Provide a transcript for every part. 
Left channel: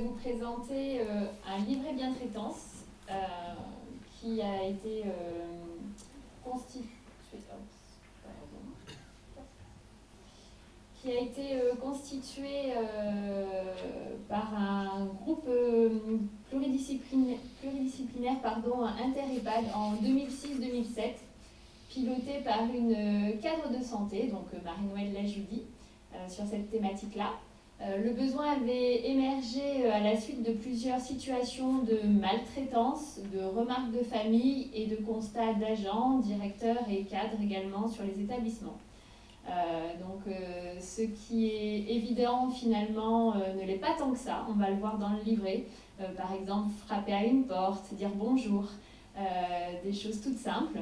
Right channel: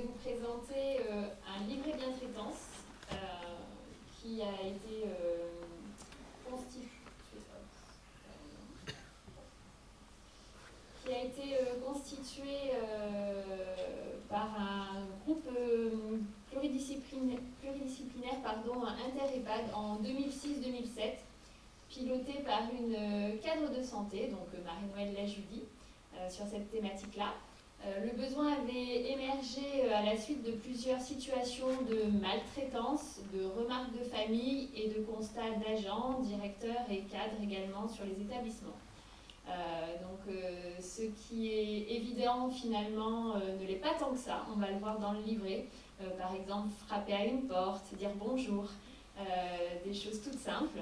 vais vous présenter un livret bientraitance qui a été constitué par un groupe pluridisciplinaire inter-EHPAD en 2006-2007, piloté par une cadre de santé, donc Marie-Noëlle Lajudy, sur cette thématique-là. Le besoin avait émergé à la suite de plusieurs situations de maltraitance, de remarques de famille et de constats d'agents, directeurs et cadres également sur les établissements. Ce qui est évident finalement ne l'est pas tant que ça, on va le voir dans le livret. Par exemple, frapper à une porte, dire bonjour, des choses toutes simples.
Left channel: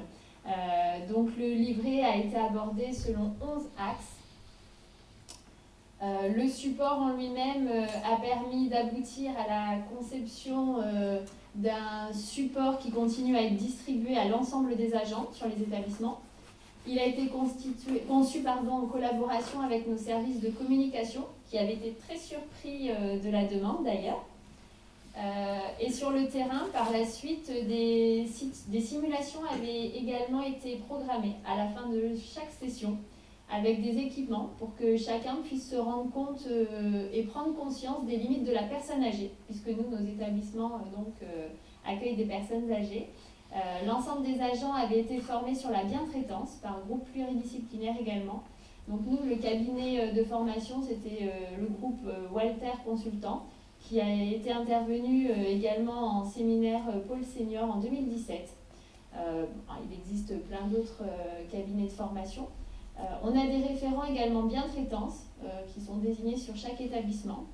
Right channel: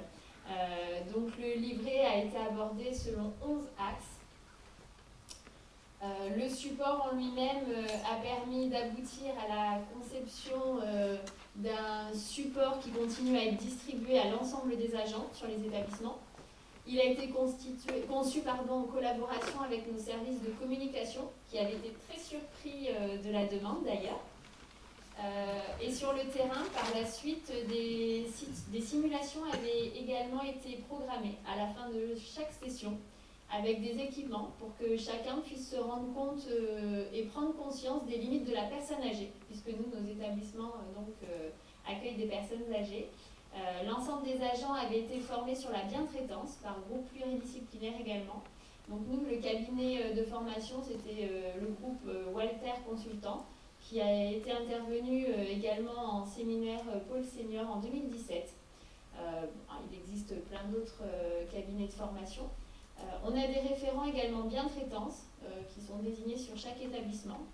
Donc le livret a été abordé selon 11 axes. Le support en lui-même a permis d'aboutir à la conception d'un support qui continue à être distribué à l'ensemble des agents sur les établissements. Il a été conçu en collaboration avec nos services de communication qui avaient été très surpris de la demande d'ailleurs. Et sur le terrain, par la suite, des simulations avaient également été programmées à la fin de chaque session avec des équipements pour que chacun puisse se rendre compte et prendre conscience des limites de la personne âgée, puisque nous, nos établissements accueillent des personnes âgées. L'ensemble des agents avaient été formés sur la bientraitance par groupe pluridisciplinaire également. Donc nous, le cabinet de formation, c'était le groupe Walter Consultant, qui a été intervenu également en séminaire Pôle Senior en 2017. Il existe plein d'autres cabinets de formation. On a des référents également bientraitance qui sont désignés sur chaque établissement,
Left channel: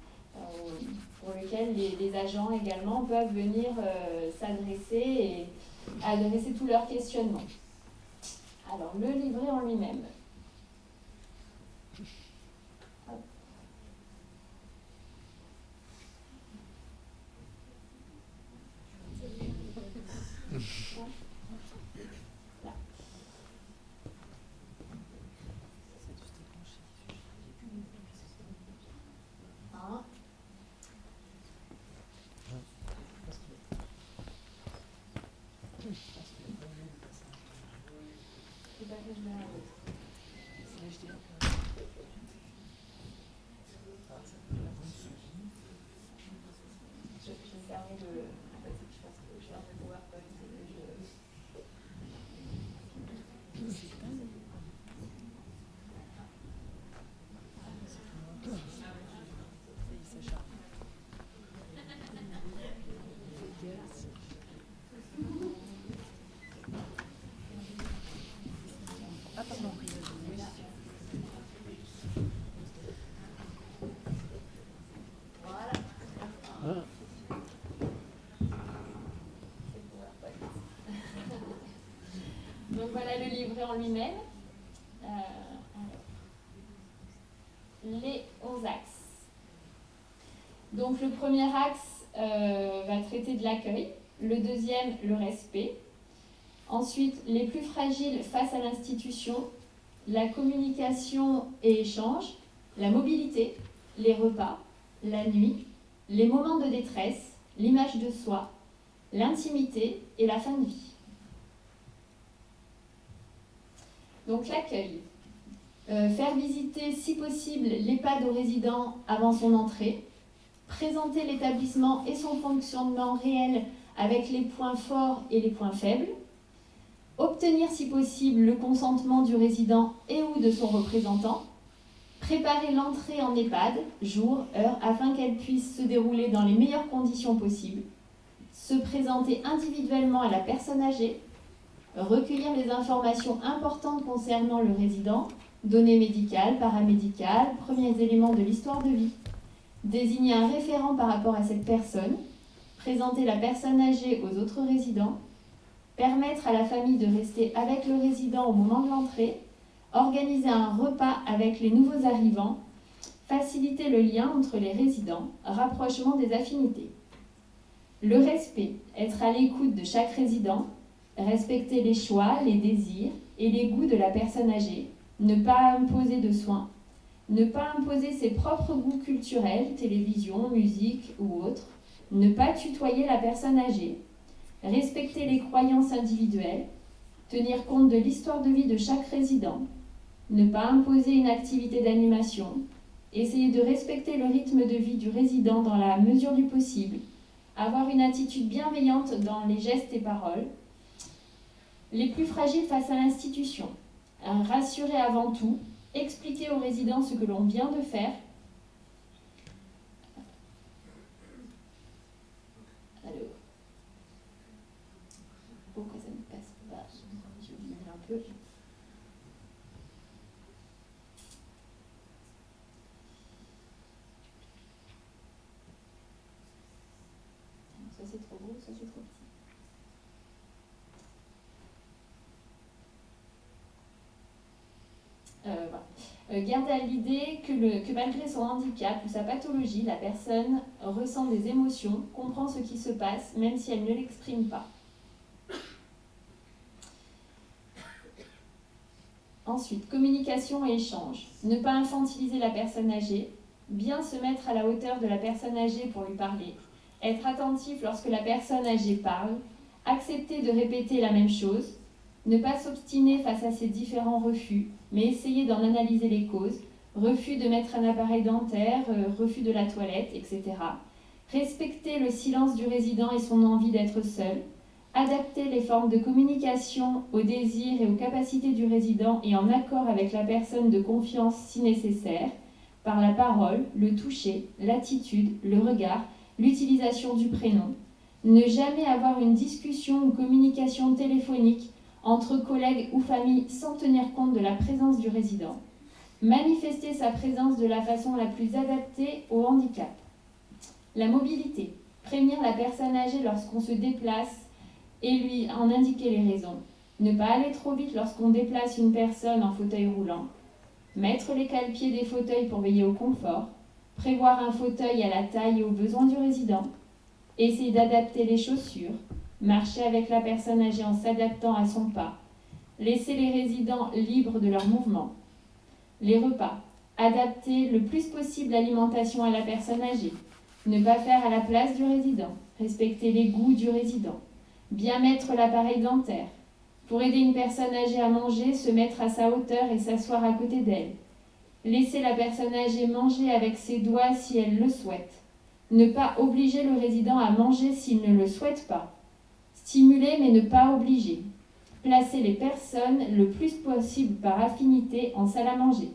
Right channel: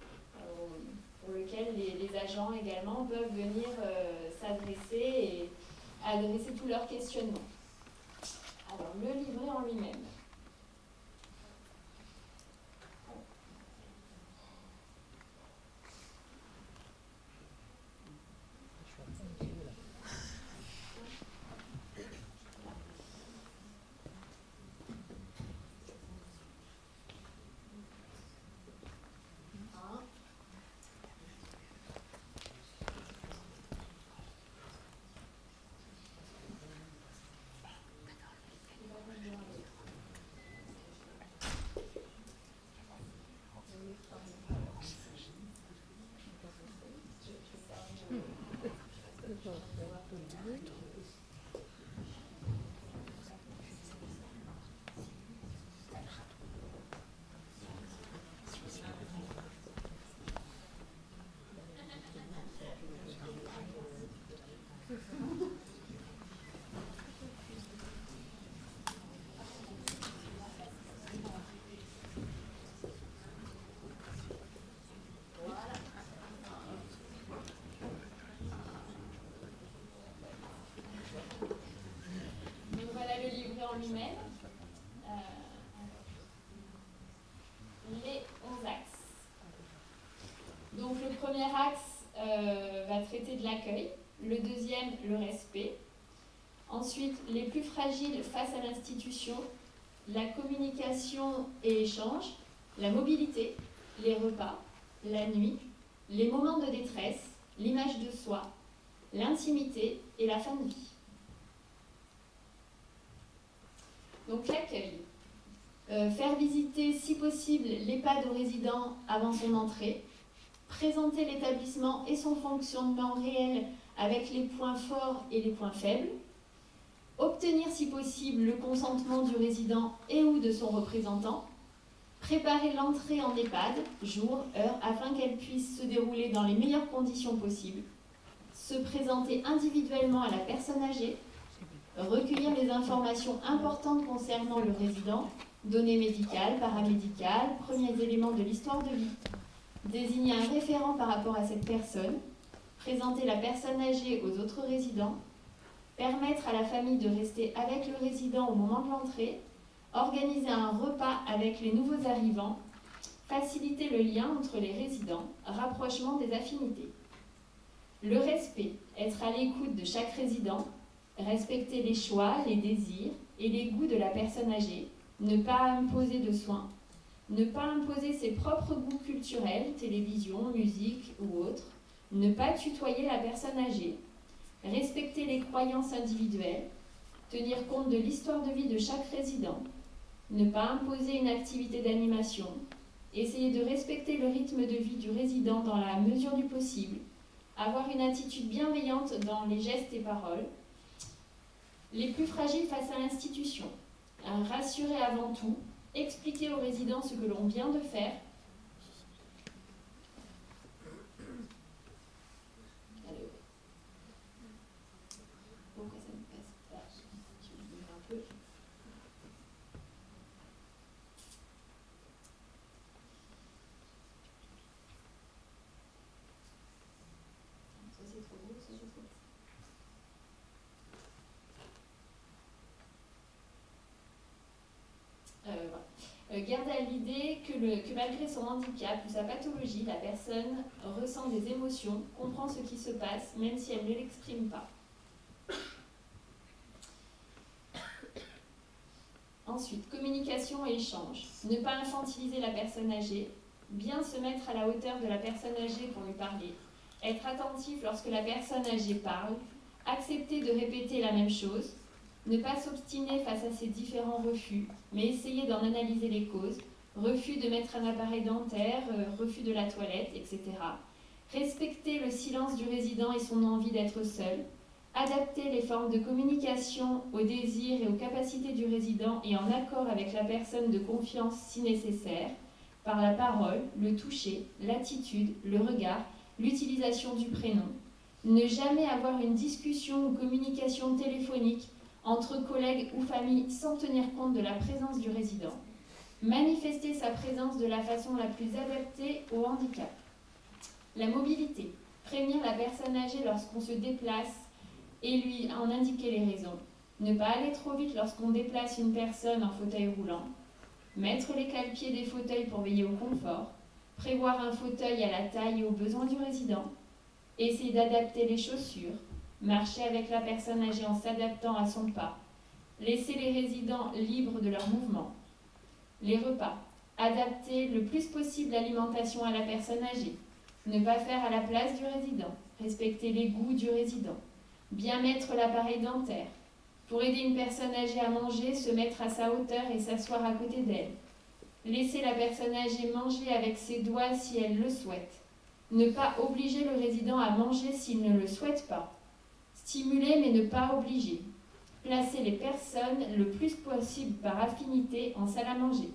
pour lesquels les agents également peuvent venir s'adresser et adresser tous leurs questionnements. Alors, le livret en lui-même. Donc voilà le livret en lui-même. Les 11 axes. Donc le premier axe va traiter de l'accueil, le deuxième, le respect. Ensuite, les plus fragiles face à l'institution, la communication et échange, la mobilité, les repas, la nuit, les moments de détresse, l'image de soi, l'intimité et la fin de vie. Donc l'accueil. Faire visiter si possible l'EHPAD aux résidents avant son entrée, présenter l'établissement et son fonctionnement réel avec les points forts et les points faibles, obtenir si possible le consentement du résident et ou de son représentant, préparer l'entrée en EHPAD, jour, heure, afin qu'elle puisse se dérouler dans les meilleures conditions possibles, se présenter individuellement à la personne âgée, recueillir les informations importantes concernant le résident, données médicales, paramédicales, premiers éléments de l'histoire de vie, désigner un référent par rapport à cette personne, présenter la personne âgée aux autres résidents, permettre à la famille de rester avec le résident au moment de l'entrée, organiser un repas avec les nouveaux arrivants, faciliter le lien entre les résidents, rapprochement des affinités. Le respect, être à l'écoute de chaque résident, respecter les choix, les désirs et les goûts de la personne âgée, ne pas imposer de soins, Ne pas imposer ses propres goûts culturels, télévision, musique ou autres. Ne pas tutoyer la personne âgée. Respecter les croyances individuelles. Tenir compte de l'histoire de vie de chaque résident. Ne pas imposer une activité d'animation. Essayer de respecter le rythme de vie du résident dans la mesure du possible. Avoir une attitude bienveillante dans les gestes et paroles. Les plus fragiles face à l'institution. Rassurer avant tout. Expliquer aux résidents ce que l'on vient de faire. Alors, pourquoi ça ne passe pas? Je vais lire un peu. Ça c'est trop gros, ça c'est trop petit. Garde à l'idée que malgré son handicap ou sa pathologie, la personne ressent des émotions, comprend ce qui se passe, même si elle ne l'exprime pas. Ensuite, communication et échange. Ne pas infantiliser la personne âgée, bien se mettre à la hauteur de la personne âgée pour lui parler, être attentif lorsque la personne âgée parle, accepter de répéter la même chose, ne pas s'obstiner face à ses différents refus, mais essayer d'en analyser les causes, refus de mettre un appareil dentaire, refus de la toilette, etc. Respecter le silence du résident et son envie d'être seul, adapter les formes de communication aux désirs et aux capacités du résident et en accord avec la personne de confiance si nécessaire, par la parole, le toucher, l'attitude, le regard, l'utilisation du prénom. Ne jamais avoir une discussion ou communication téléphonique entre collègues ou familles sans tenir compte de la présence du résident. Manifester sa présence de la façon la plus adaptée au handicap. La mobilité. Prévenir la personne âgée lorsqu'on se déplace et lui en indiquer les raisons. Ne pas aller trop vite lorsqu'on déplace une personne en fauteuil roulant. Mettre les cale-pieds des fauteuils pour veiller au confort. Prévoir un fauteuil à la taille et aux besoins du résident. Essayer d'adapter les chaussures. Marcher avec la personne âgée en s'adaptant à son pas. Laisser les résidents libres de leurs mouvements. Les repas. Adapter le plus possible l'alimentation à la personne âgée. Ne pas faire à la place du résident. Respecter les goûts du résident. Bien mettre l'appareil dentaire. Pour aider une personne âgée à manger, se mettre à sa hauteur et s'asseoir à côté d'elle. Laisser la personne âgée manger avec ses doigts si elle le souhaite. Ne pas obliger le résident à manger s'il ne le souhaite pas. Stimuler mais ne pas obliger. Placer les personnes le plus possible par affinité en salle à manger.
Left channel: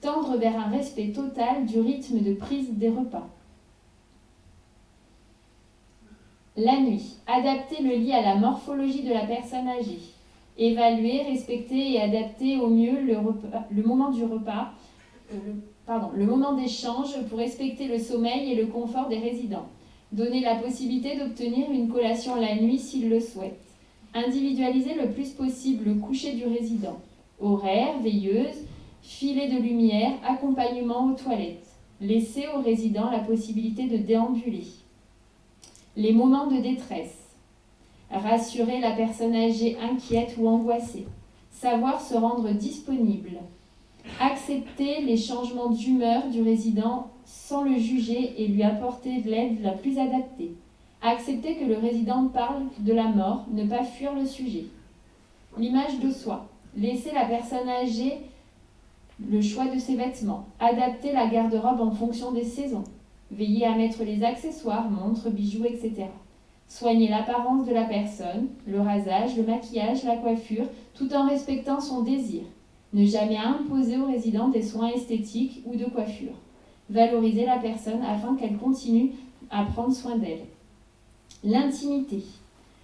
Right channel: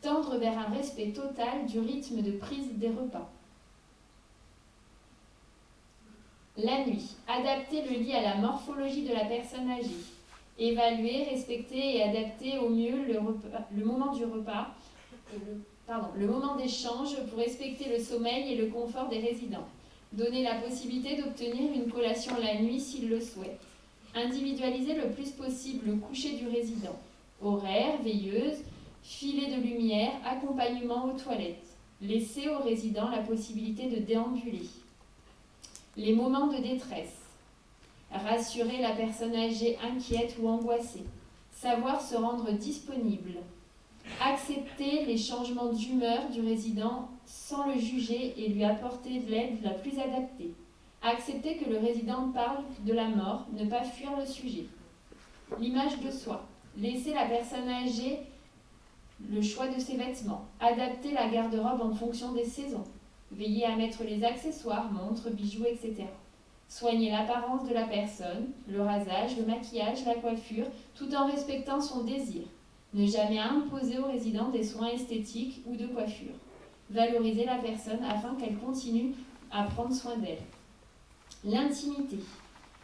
Tendre vers un respect total du rythme de prise des repas. La nuit. Adapter le lit à la morphologie de la personne âgée. Évaluer, respecter et adapter au mieux le moment du repas, le moment d'échange pour respecter le sommeil et le confort des résidents. Donner la possibilité d'obtenir une collation la nuit s'ils le souhaitent. Individualiser le plus possible le coucher du résident. Horaire, veilleuse, filet de lumière, accompagnement aux toilettes. Laisser aux résidents la possibilité de déambuler. Les moments de détresse. Rassurer la personne âgée inquiète ou angoissée. Savoir se rendre disponible. Accepter les changements d'humeur du résident sans le juger et lui apporter de l'aide la plus adaptée. Accepter que le résident parle de la mort, ne pas fuir le sujet. L'image de soi. Laisser la personne âgée le choix de ses vêtements. Adapter la garde-robe en fonction des saisons. Veiller à mettre les accessoires, montres, bijoux, etc. Soigner l'apparence de la personne, le rasage, le maquillage, la coiffure, tout en respectant son désir. Ne jamais imposer aux résidents des soins esthétiques ou de coiffure. Valoriser la personne afin qu'elle continue à prendre soin d'elle. L'intimité.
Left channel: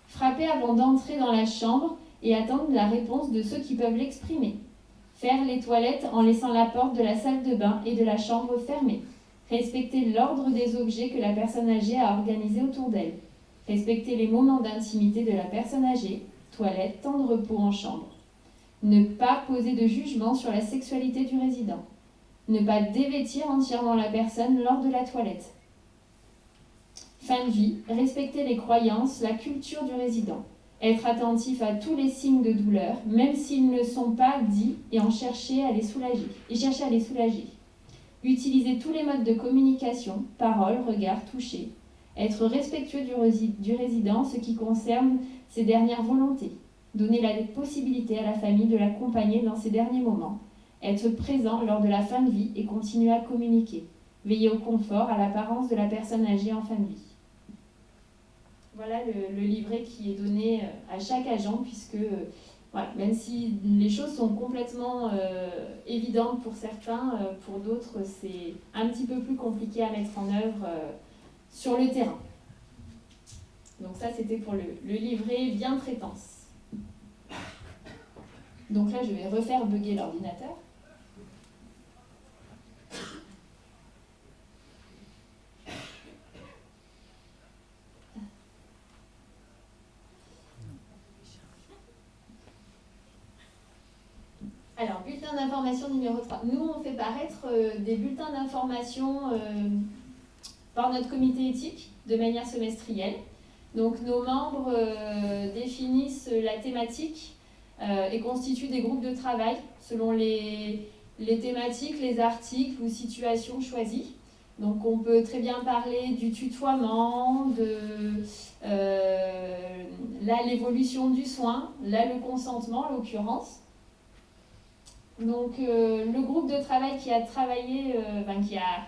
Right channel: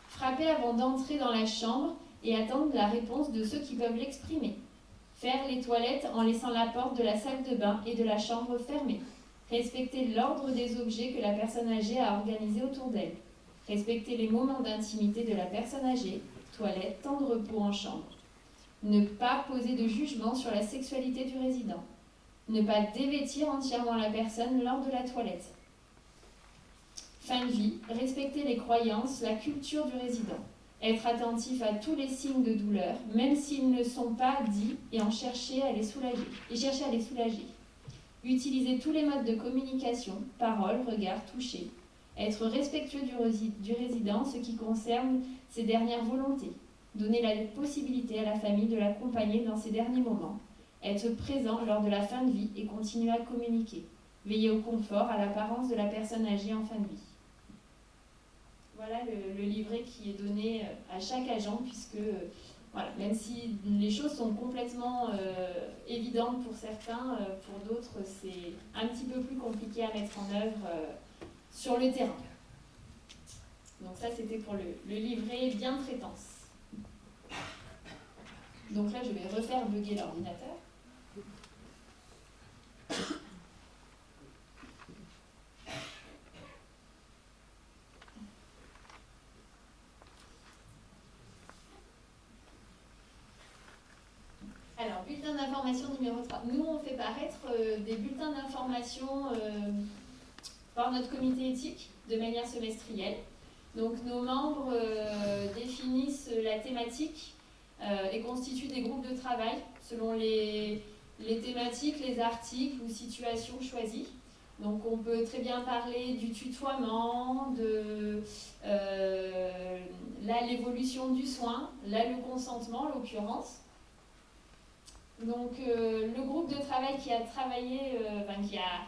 Frapper avant d'entrer dans la chambre et attendre la réponse de ceux qui peuvent l'exprimer. Faire les toilettes en laissant la porte de la salle de bain et de la chambre fermée. Respecter l'ordre des objets que la personne âgée a organisés autour d'elle. Respecter les moments d'intimité de la personne âgée, toilette, temps de repos en chambre. Ne pas poser de jugement sur la sexualité du résident. Ne pas dévêtir entièrement la personne lors de la toilette. Fin de vie, respecter les croyances, la culture du résident. Être attentif à tous les signes de douleur, même s'ils ne sont pas dits, et chercher à les soulager. Utiliser tous les modes de communication, parole, regard, toucher. Être respectueux du résident, ce qui concerne ses dernières volontés. Donner la possibilité à la famille de l'accompagner dans ses derniers moments. Être présent lors de la fin de vie et continuer à communiquer. Veiller au confort, à l'apparence de la personne âgée en fin de vie. Voilà le livret qui est donné à chaque agent, puisque voilà, même si les choses sont complètement évidentes pour certains, pour d'autres c'est un petit peu plus compliqué à mettre en œuvre sur le terrain. Donc ça c'était pour le livret bientraitance. Donc là je vais refaire bugger l'ordinateur. Alors, bulletin d'information numéro 3. Nous, on fait paraître des bulletins d'information par notre comité éthique de manière semestrielle. Donc, nos membres définissent la thématique et constituent des groupes de travail selon les thématiques, les articles ou situations choisies. Donc, on peut très bien parler du tutoiement, de l'évolution du soin, là, le consentement en l'occurrence. Donc, le groupe de travail qui a travaillé, qui a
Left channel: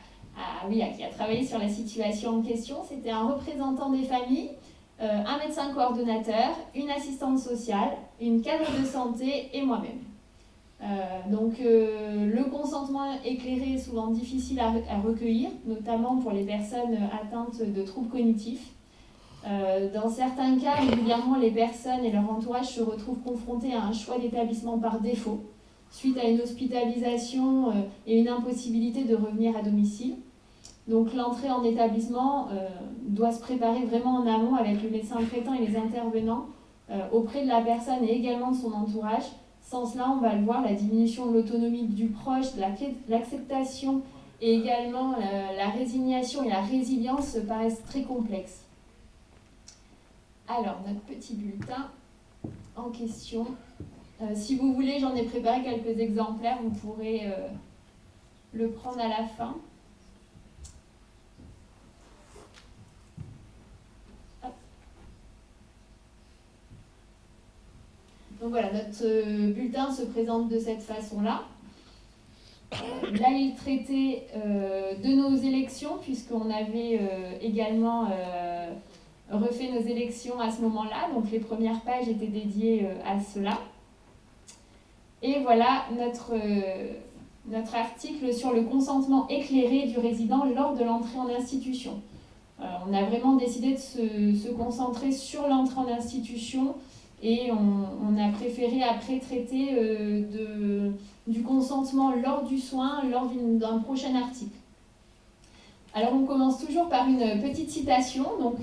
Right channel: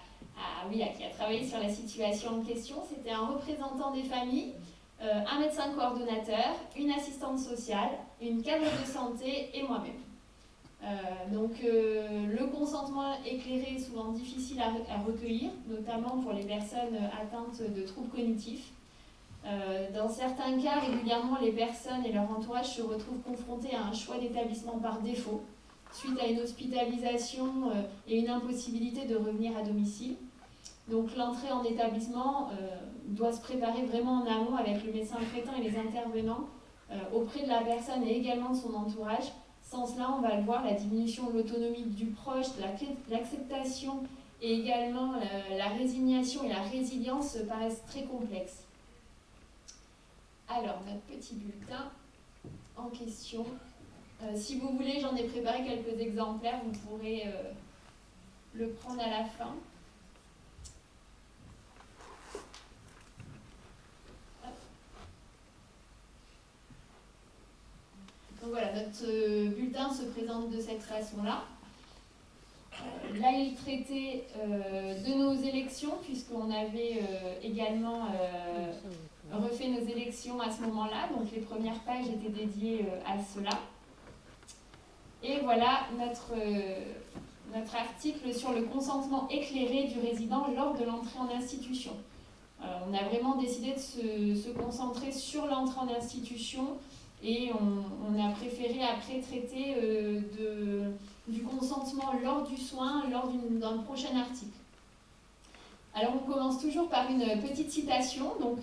travaillé sur la situation en question, c'était un représentant des familles, un médecin coordonnateur, une assistante sociale, une cadre de santé et moi-même. Le consentement éclairé est souvent difficile à recueillir, notamment pour les personnes atteintes de troubles cognitifs. Dans certains cas, régulièrement, les personnes et leur entourage se retrouvent confrontés à un choix d'établissement par défaut, suite à une hospitalisation et une impossibilité de revenir à domicile. Donc l'entrée en établissement doit se préparer vraiment en amont avec le médecin traitant et les intervenants auprès de la personne et également de son entourage. Sans cela, on va le voir, la diminution de l'autonomie du proche, de l'acceptation et également la résignation et la résilience paraissent très complexes. Alors, notre petit bulletin en question. Si vous voulez, j'en ai préparé quelques exemplaires, vous pourrez le prendre à la fin. Hop. Donc voilà, notre bulletin se présente de cette façon-là. Là, il traitait de nos élections, puisqu'on avait également refait nos élections à ce moment-là. Donc les premières pages étaient dédiées à cela. Et voilà notre article sur le consentement éclairé du résident lors de l'entrée en institution. On a vraiment décidé de se concentrer sur l'entrée en institution et on a préféré après traiter du consentement lors du soin, lors d'un prochain article. Alors on commence toujours par une petite citation. Donc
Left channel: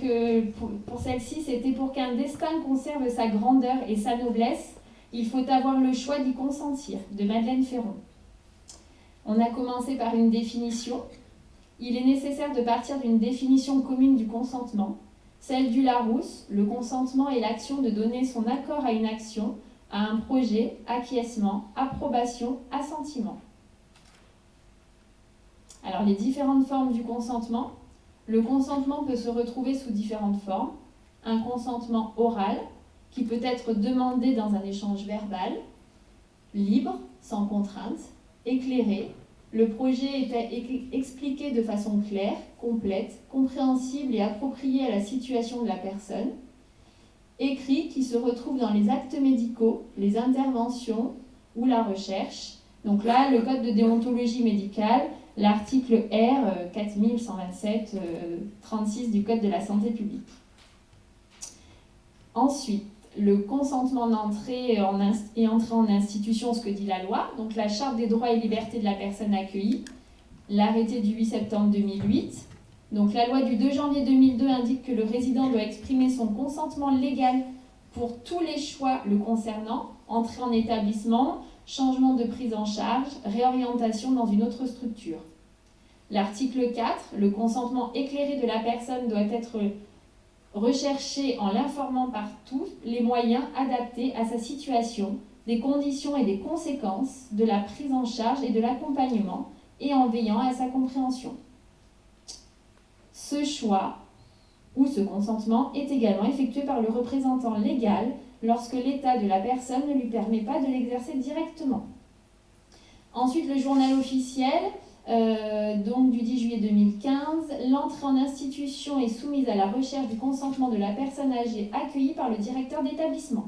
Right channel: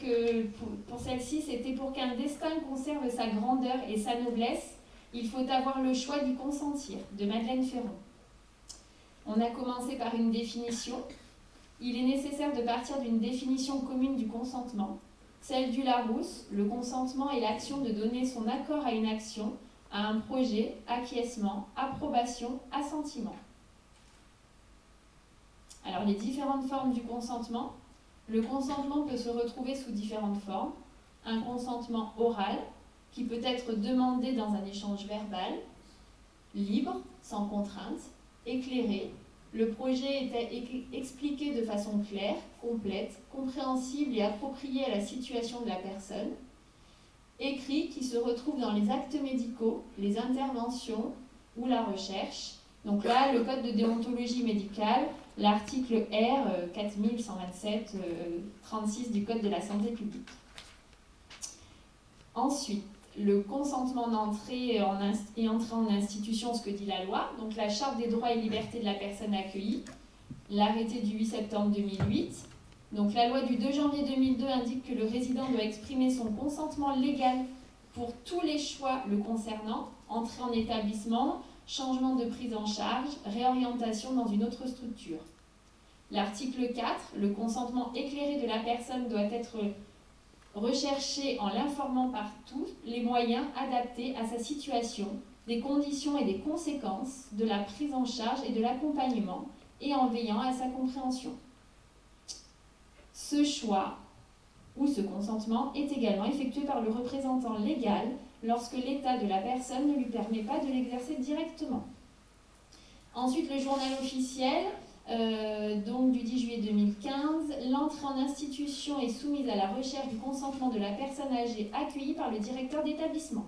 pour celle-ci, c'était « Pour qu'un destin conserve sa grandeur et sa noblesse, il faut avoir le choix d'y consentir » de Madeleine Ferron. On a commencé par une définition. Il est nécessaire de partir d'une définition commune du consentement, celle du Larousse. Le consentement est l'action de donner son accord à une action, à un projet, acquiescement, approbation, assentiment. Alors, les différentes formes du consentement. Le consentement peut se retrouver sous différentes formes. Un consentement oral, qui peut être demandé dans un échange verbal, libre, sans contrainte, éclairé. Le projet était expliqué de façon claire, complète, compréhensible et appropriée à la situation de la personne. Écrit, qui se retrouve dans les actes médicaux, les interventions ou la recherche. Donc là, le code de déontologie médicale, l'article R 4127-36 du code de la santé publique. Ensuite, le consentement d'entrée et entrée en institution, ce que dit la loi, donc la charte des droits et libertés de la personne accueillie, l'arrêté du 8 septembre 2008. Donc la loi du 2 janvier 2002 indique que le résident doit exprimer son consentement légal pour tous les choix le concernant, entrée en établissement, changement de prise en charge, réorientation dans une autre structure. L'article 4, le consentement éclairé de la personne doit être recherché en l'informant par tous les moyens adaptés à sa situation, des conditions et des conséquences de la prise en charge et de l'accompagnement, et en veillant à sa compréhension. Ce choix ou ce consentement est également effectué par le représentant légal lorsque l'état de la personne ne lui permet pas de l'exercer directement. Ensuite, le journal officiel, donc du 10 juillet 2015, l'entrée en institution est soumise à la recherche du consentement de la personne âgée accueillie par le directeur d'établissement.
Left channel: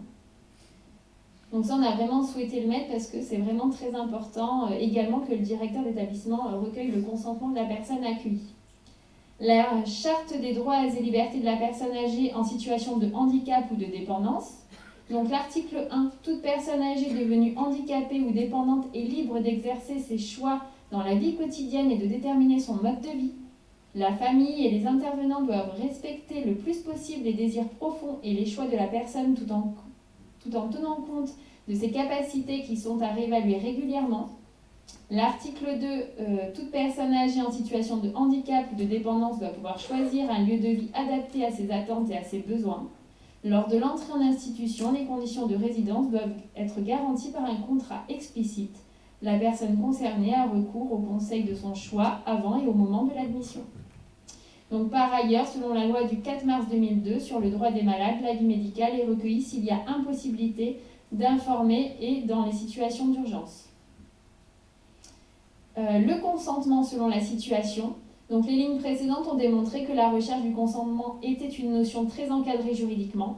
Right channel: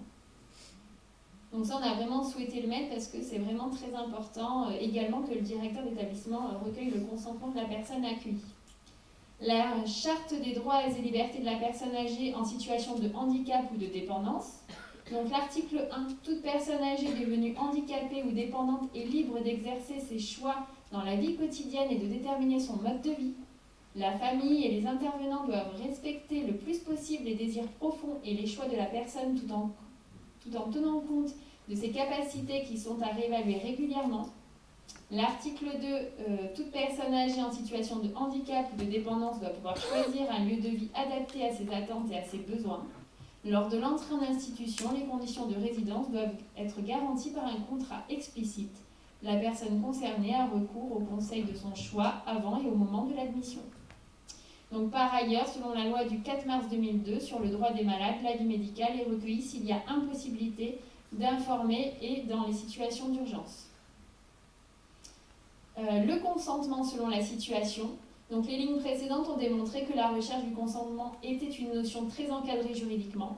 Donc ça, on a vraiment souhaité le mettre parce que c'est vraiment très important également que le directeur d'établissement recueille le consentement de la personne accueillie. La charte des droits et libertés de la personne âgée en situation de handicap ou de dépendance. Donc l'article 1, toute personne âgée devenue handicapée ou dépendante est libre d'exercer ses choix dans la vie quotidienne et de déterminer son mode de vie. La famille et les intervenants doivent respecter le plus possible les désirs profonds et les choix de la personne tout en tenant compte de ses capacités qui sont à réévaluer régulièrement. L'article 2, toute personne âgée en situation de handicap ou de dépendance doit pouvoir choisir un lieu de vie adapté à ses attentes et à ses besoins. Lors de l'entrée en institution, les conditions de résidence doivent être garanties par un contrat explicite. La personne concernée a recours au conseil de son choix avant et au moment de l'admission. Donc, par ailleurs, selon la loi du 4 mars 2002 sur le droit des malades, l'avis médical est recueilli s'il y a impossibilité d'informer et dans les situations d'urgence. Le consentement selon la situation. Donc, les lignes précédentes ont démontré que la recherche du consentement était une notion très encadrée juridiquement.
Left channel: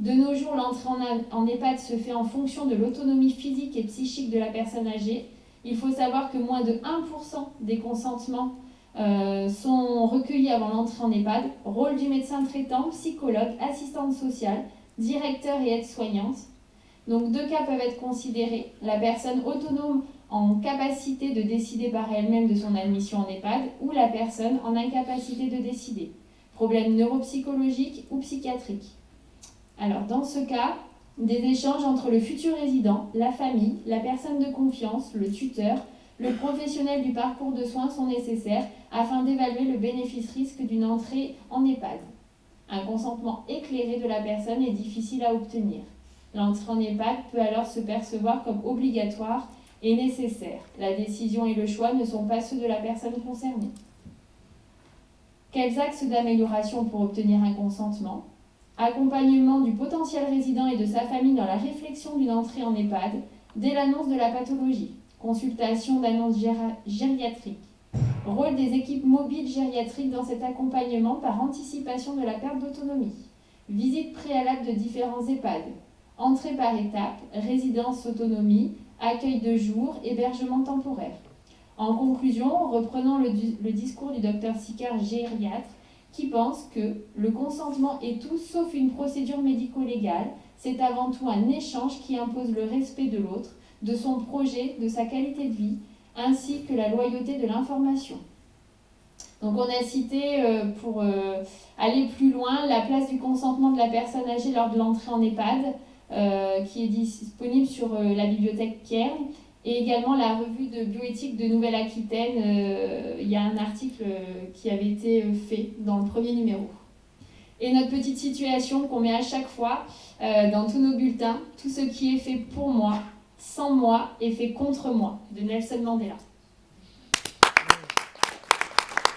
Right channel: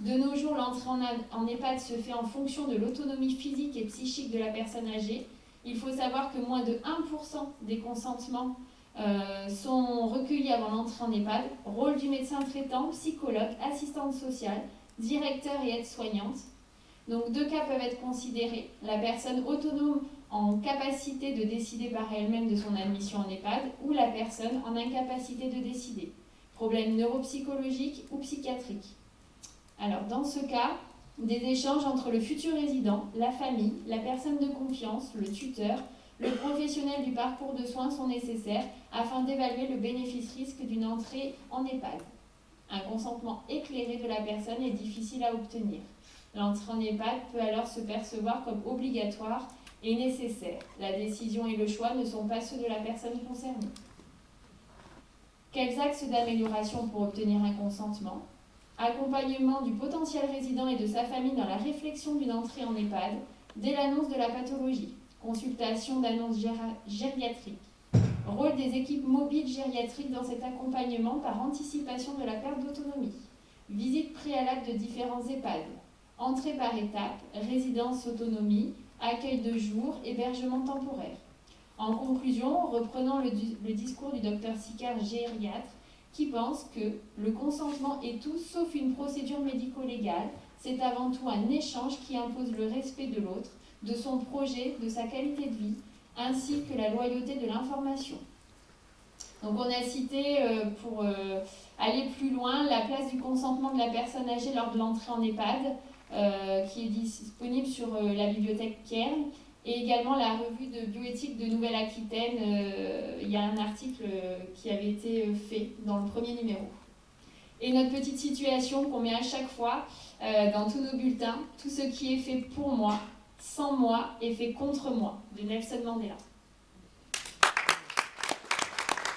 De nos jours, l'entrée en EHPAD se fait en fonction de l'autonomie physique et psychique de la personne âgée. Il faut savoir que moins de 1% des consentements sont recueillis avant l'entrée en EHPAD. Rôle du médecin traitant, psychologue, assistante sociale, directeur et aide-soignante. Donc, 2 cas peuvent être considérés. La personne autonome en capacité de décider par elle-même de son admission en EHPAD ou la personne en incapacité de décider. Problème neuropsychologique ou psychiatrique. Alors, dans ce cas, des échanges entre le futur résident, la famille, la personne de confiance, le tuteur, le professionnel du parcours de soins sont nécessaires afin d'évaluer le bénéfice-risque d'une entrée en EHPAD. Un consentement éclairé de la personne est difficile à obtenir. L'entrée en EHPAD peut alors se percevoir comme obligatoire et nécessaire. La décision et le choix ne sont pas ceux de la personne concernée. Quels axes d'amélioration pour obtenir un consentement ? Accompagnement du potentiel résident et de sa famille dans la réflexion d'une entrée en EHPAD dès l'annonce de la pathologie. Consultation d'annonce gériatrique. Rôle des équipes mobiles gériatriques dans cet accompagnement par anticipation de la perte d'autonomie. Visite préalable de différents EHPAD. Entrée par étapes, résidence autonomie, accueil de jour, hébergement temporaire. En conclusion, reprenons le discours du Dr Sicard, gériatre, qui pense que le consentement est tout sauf une procédure médico-légale, c'est avant tout un échange qui impose le respect de l'autre, de son projet, de sa qualité de vie, ainsi que la loyauté de l'information. Donc on a cité, pour aller plus loin, la place du consentement de la personne âgée lors de l'entrée en EHPAD, qui est disponible sur la bibliothèque Pierre, et également la revue de bioéthique de Nouvelle-Aquitaine. Il y a un article qui avait été fait dans le premier numéro. Et notre petite situation qu'on met à chaque fois dans tous nos bulletins, tout ce qui est fait pour moi, sans moi, est fait contre moi, de Nelson Mandela.